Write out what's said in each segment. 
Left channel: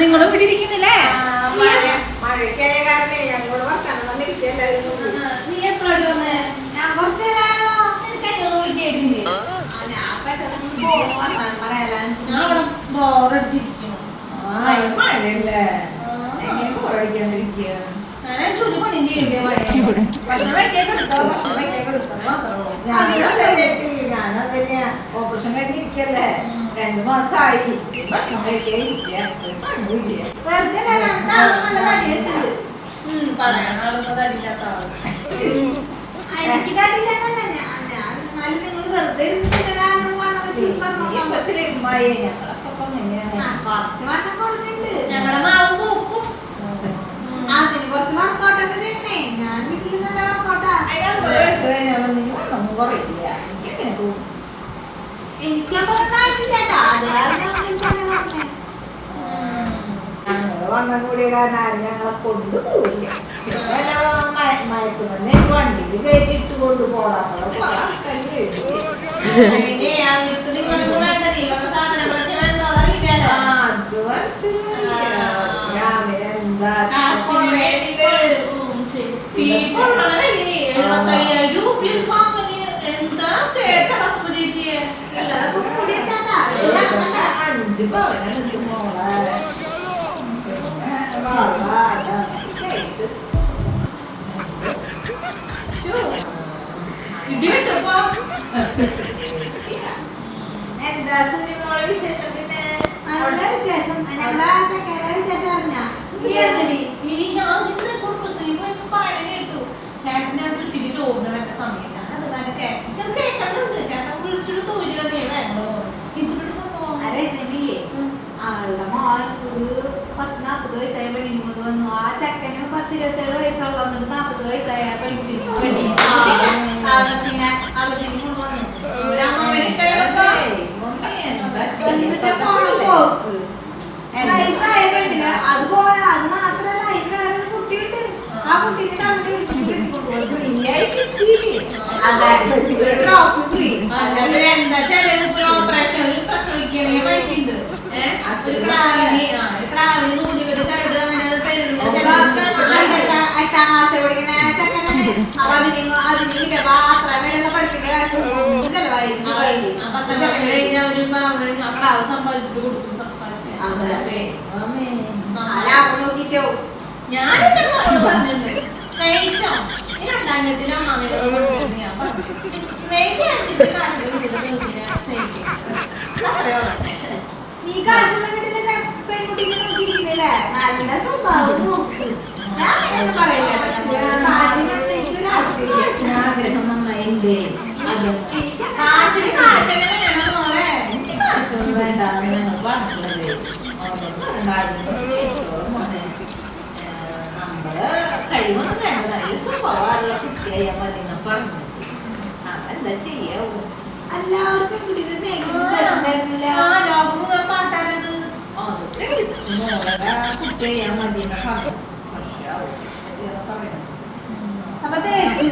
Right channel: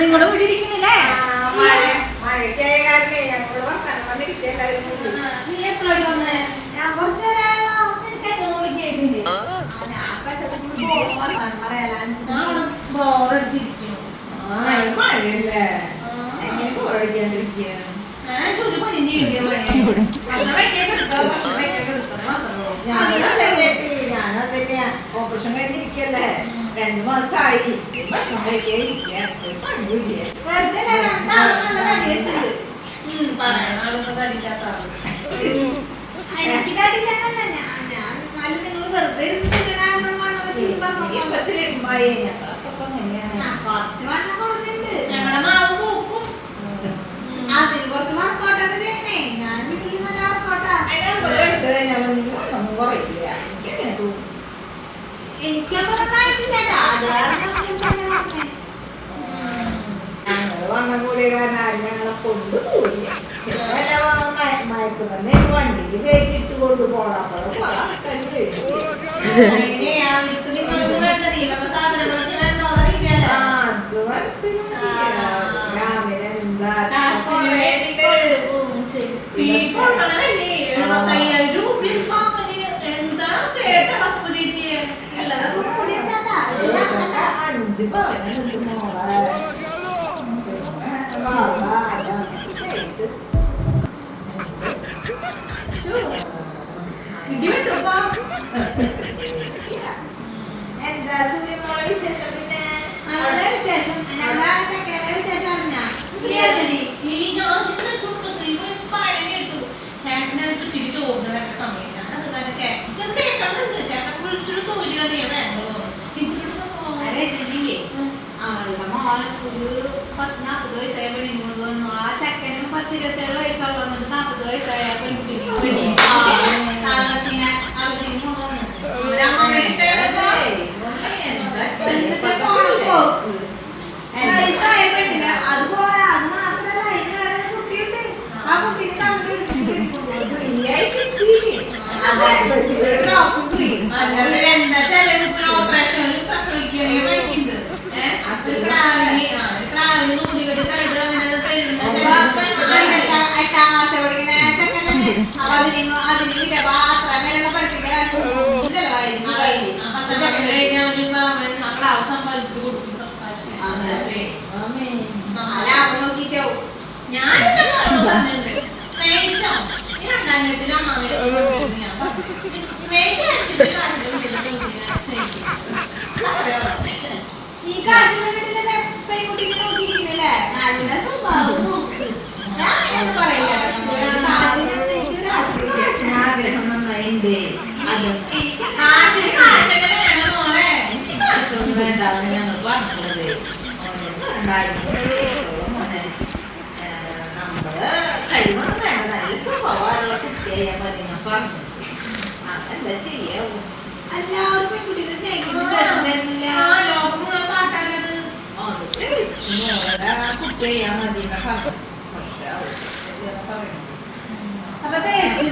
നിങ്ങളും ഇവിടെ ഇരിക്കുന്നില്ലേ? മഴയ്ക്കായ കാരണേ ഞങ്ങളോട് വർത്താനം വന്നിരിക്കണ്ടായിരുന്നു. നീ എപ്പോഴും വന്നേ? ഞാൻ കുറച്ച് നേരമായല്ലോ. എനിക്കെന്തോന്ന് വിളിക്കായിരുന്നില്ലേ? ബോറടിച്ചിരിക്കുന്നു. മഴയല്ലേ ബോറടിക്കാണ്ടിരിക്കുക. ഒരു പണി ചെയ്യണ്ടേ? ഞാനതന്നെയാ ഓപ്പറേഷൻ കഴിഞ്ഞിരിക്കല്ലേ, 2 മാസമായി. ഭക്ഷണം കഴിക്കാതിരിക്കുക. ഞങ്ങളുടെ മാവ് പോക്കും അതിന് കുറച്ച് വർക്കൗട്ടൊക്കെ ചെയ്യണേ. ഞാൻ വീട്ടിൽ നല്ല വർക്കൗട്ടാ. വണ്ണം കൂടിയ കാരണം ആരും ഞങ്ങളെ കൊണ്ടുപോയില്ല. മയക്കുമരുന്ന് വണ്ടിയിൽ കയറ്റിട്ട് കൊണ്ടുപോകാത്ത രാവിലെ എന്താ അഞ്ച് പവനുണ്ട് മോളെ. എന്താ സൂര്യമോളെ വിശേഷം? പിന്നെ നല്ല വിശേഷം. വിശേഷം അറിഞ്ഞാ ചേട്ടനെ ചോറിനൊക്കെ സമയമില്ല. അത് കാലൊക്കെ ഇത് കേൾക്കണുണ്ട്. ചേട്ടൻ വിളിച്ചൊരു തോന്നില്ലേ അവളുടെ മോൻ ഒരു 10-40 വയസ്സായ പെണ്ണിനെ കൊണ്ടുവന്നു. ആ ചെക്കനും 10-27 വയസ്സാൾ വന്നിട്ട് 40 വയസ്സായ പെൺകുട്ടിനെ കൊണ്ടുവന്നു. വയസ്സായ പെണ്ണിന് അതുപോലെ അത് മാത്രമല്ല അതിന് കുട്ടിയുണ്ട്. ആ കുട്ടീനെ തള്ളി വിളിച്ചിട്ട് എന്താ ചെലവ് ഓപ്പറേഷനിൽ പ്രസവിക്കണേ പൈസയുണ്ട്. എട്ടാം ക്ലാസ് പഠിക്കുന്ന ചെക്കനാണ്. അപ്പൊ അതിന് അത്ര പേരുള്ള പഠിക്കേണ്ട കാശ് ചെലവായിരുന്നു. ലാഭം നോക്കിട്ടോ ഞാനിട്ട് സ്നേഹിച്ചോ രണ്ടാം അമ്മാമ ഈ കാഴ്ച വീട്ടിലെ പെൺകുട്ടിക്ക് നോക്കിയിരിക്കുന്നില്ലേ? നല്ല സ്വഭാവം നോക്ക്. ഞാൻ അങ്ങനെ പറയില്ല. കാശിന് കാശെങ്ങനെ വേണം മോളെ? നമ്മള് കഴിവൊന്നും വേണ്ട, നല്ല സ്വഭാവമുള്ള കുട്ടിയായാൽ മതി എന്നാ പറഞ്ഞു. അതെന്താ ചെയ്യാവൂ? എല്ലാവരും പെൺകുട്ടിയുടെ സ്നേഹിക്കുന്നു കേട്ടിട്ടുണ്ടായിരുന്നില്ല. ലോകം മുഴുവൻ പാട്ടാനത് കുട്ടിയാ മതി എന്നാ പറഞ്ഞു. അപ്പൊ തേച്ചു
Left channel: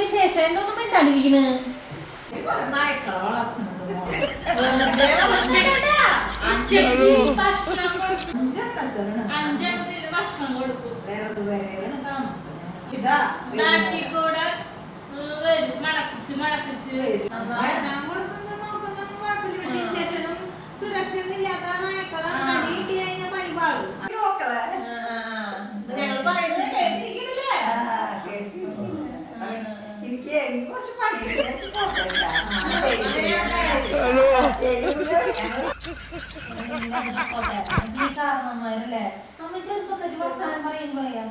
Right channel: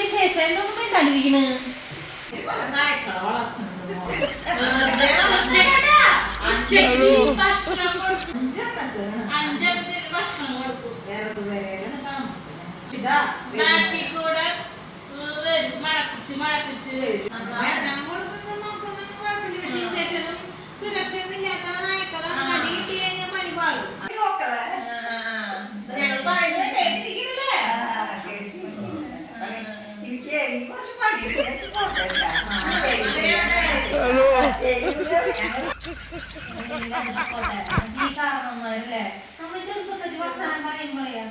വിശേഷം എന്തൊന്നും വേണ്ടാണ്ടിരിക്കണ്. നായ്ക്കളെ വളർത്തുന്നത് വേറെ താമസം ഇതാ സുരക്ഷയൊന്നും ഇല്ലാത്ത നായ്ക്കളെ കടി കിട്ടി കഴിഞ്ഞാൽ പണി പാടും. ഞങ്ങൾ പറയുന്നത് കേട്ടിരിക്കുന്നില്ലേ? എനിക്ക് കുറച്ച് പണി കാരണന്മാരല്ലേ നമ്മൾ ചെറുപ്പത്തിൽ വർത്തമാനം പറയുമ്പോഴേ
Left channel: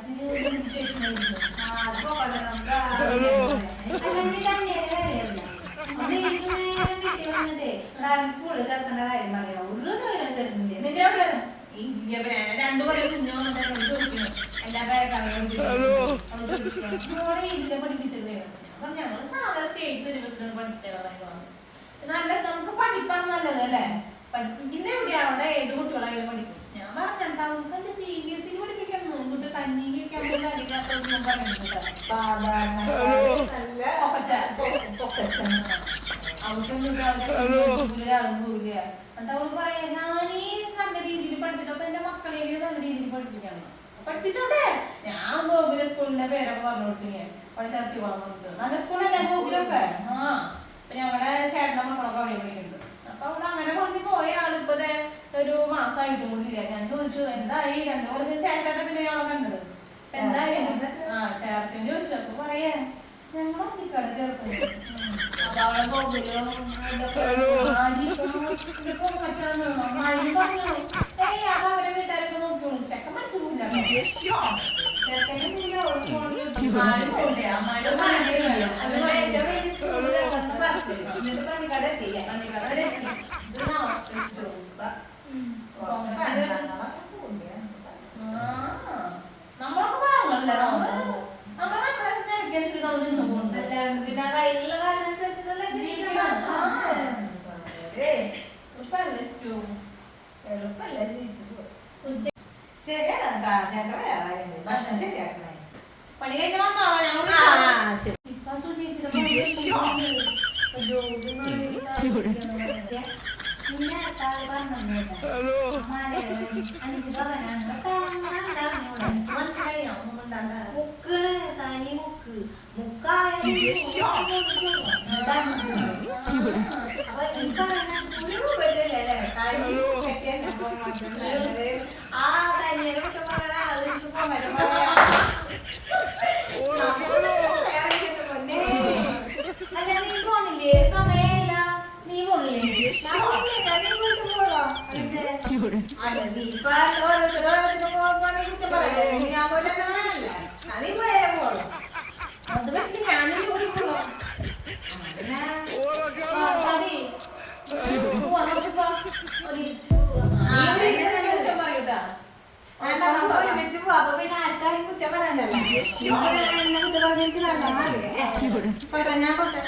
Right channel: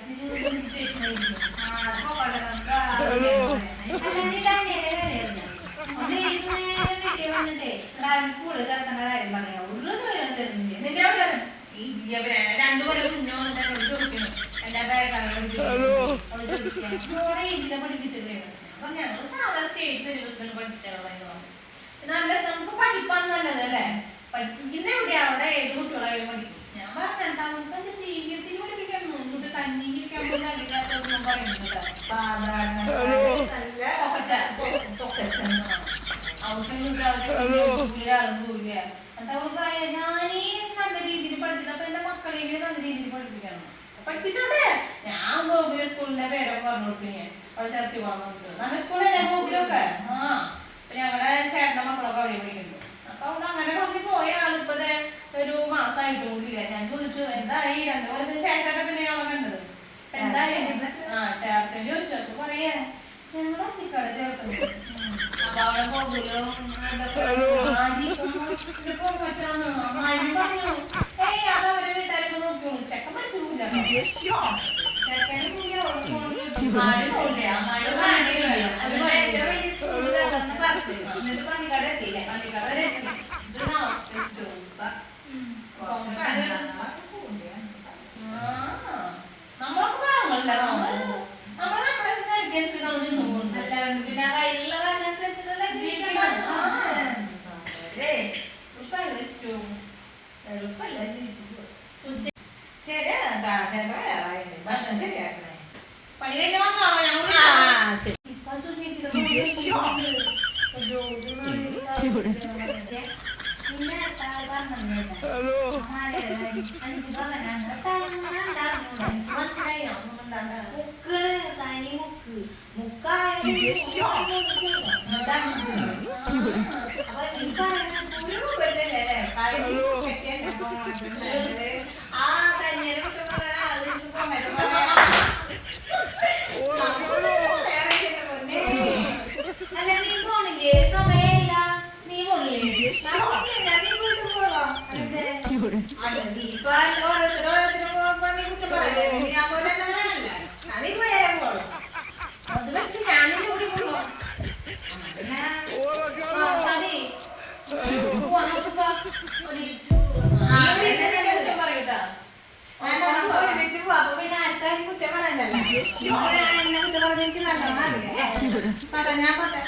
സ്കൂളിൽ ചേർത്തേണ്ട കാര്യം പറയാം. ഒരു തൊഴിലും തരുന്നില്ല. രണ്ടുപേരും പഠിപ്പിച്ചില്ലേ? അപ്പൊ ഞങ്ങള് സാധാ സ്റ്റേറ്റ് സിലബസിലാണ് പഠിപ്പിച്ചാൽ നല്ല നമുക്ക് പഠിപ്പാണ് നല്ലതല്ലേ? പഠിപ്പിക്കുന്ന എവിടെയാ അവിടെ ഏത് കുട്ടികളായാലും പഠിക്കും. ഞാൻ പറഞ്ഞിട്ട് CBSE പഠിപ്പിക്കുന്നു. ഇങ്ങോട്ട് കഞ്ഞിക്കൊക്കെ പറയുന്നത് സാധാരണ അവള് പറയാ ഞാനീ നല്ല രീതിയിൽ പഠിച്ചിട്ട് അപ്പൊ എന്റെ മക്കളെങ്കിലും നല്ല രീതിയിൽ പഠിപ്പിക്കണം പഠിപ്പിച്ചോട്ടെ ഞാൻ ഗോകുല സ്കൂളിന്റെ പേരൊക്കെ പറഞ്ഞു കൊടുത്തു ഞാൻ അവിടെ ചേർത്തി പോകാൻ നോക്കിട്ട് നല്ല സ്കൂളല്ലേ ഗോകുലൊക്കെ ആ ഞങ്ങളുടെ ചേട്ടന്റെ മക്കളൊക്കെ അവിടെ പഠിക്കുന്നുണ്ട് അപ്പൊ അവള് അങ്ങനെ പറഞ്ഞു പോയ ആളിപ്പോ ഒരു മാസമായിട്ട് കൂടിയില്ല ഞാൻ ചോദിച്ചു എന്തായി 2 കൊല്ലത്തിന് ശേഷമൊക്കെ പിന്നെ ഞങ്ങളെ കണ്ടത് എന്തായി ചേർത്തന് ചോദിച്ചു അപ്പൊ പറയാ ഞങ്ങൾ അത്തിക്കട ചേർത്തത് അപ്പൊ അവിടെ ഗോകുലോ അതവരെ വീട്ടുകാരൊക്കെ നോക്കിയോളൂ ചെക്കൻ പഠിക്കൂല നമ്മളൊക്കെ പറഞ്ഞല്ലേ നമ്മളെ പിന്നെ കയ്യിലുള്ള കാശനുസരിച്ചിട്ടല്ലേ ജീവിക്കാൻ എളുപ്പല്ല ജീവിച്ചു ശരിയാ ഭക്ഷണം ശരിയാക്കണേ പണി കഴിഞ്ഞ വന്നാളോ ഞങ്ങൾ മനസ്സിലായിനോ മുക്കാണ് തനി മുക്ക് മുക്കായ ആ തനിയെ അല്ല നീ പോണില്ലേ സമയമില്ല നീ പോണില്ലേ അത് പറ്റി ഞാനും കൂടി പറയൂട്ടാ ഒരുമിച്ച് പോവാ അപ്പൊ പിന്നെ ആർക്കാരും കുറ്റം പറയണ്ടല്ലോ എന്നെ കുറ്റം പറഞ്ഞ എനിക്ക് നല്ലോണം അറിയാം ഞാൻ പൊട്ടെ